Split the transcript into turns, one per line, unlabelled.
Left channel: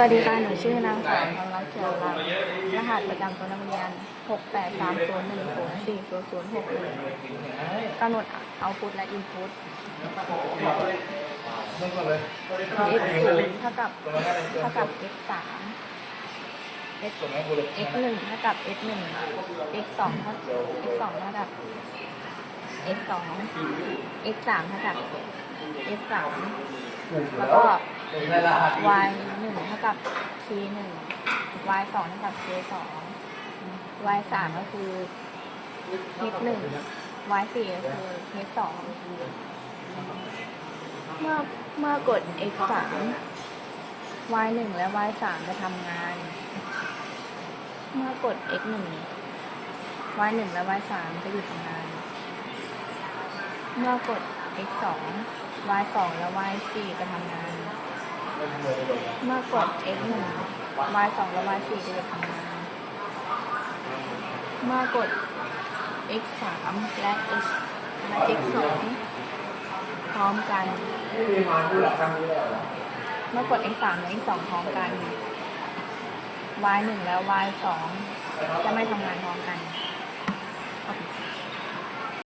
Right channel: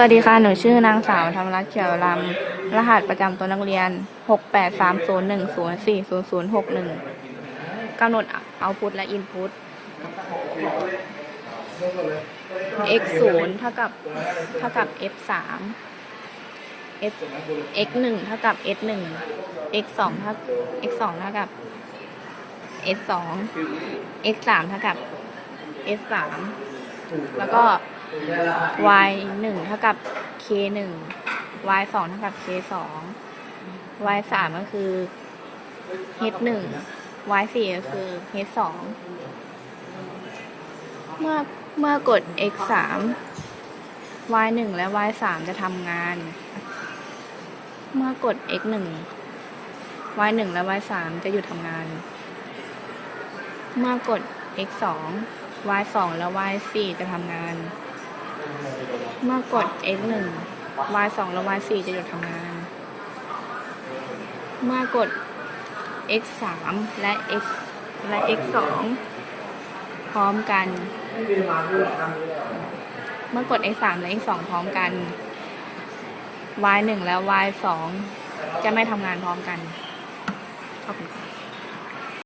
วัสดีค่ะ หนูชื่อนางสาวธรรมรัตน์เขียวลำ รหัสประจำตัวนักเรียน 68301040061กำหนดเอาพุทและอินพุต x 0เท่ากับเท่ากับ f 3 x x 1เท่ากับ s 1 x 2เท่า x 2เท่ากับ s 2 x 3เท่ากับ s 3แล้วก็ y หนึ่งเท่ากับ k หนึ่ง y สองเท่ากับ k สอง y สามก็คือ h หนึ่ง y สี่ก็คือ h สองเมื่อเมื่อกด x สาม y หนึ่งและ y สามจะทำงาน เมื่อกด x หนึ่ง y หนึ่งและ y สามจะหยุดทำงาน เมื่อกด x สอง y สองและ y สี่จะทำงาน มื่อกด x 1 y 2และ y 4จะหยุดทำงานเมื่อกด x 3และ x และ x 2พร้อมกัน เมื่อกด x 3และ x 2พร้อมกัน y 1และ y 2จะไม่ทำงานพร้อมกัน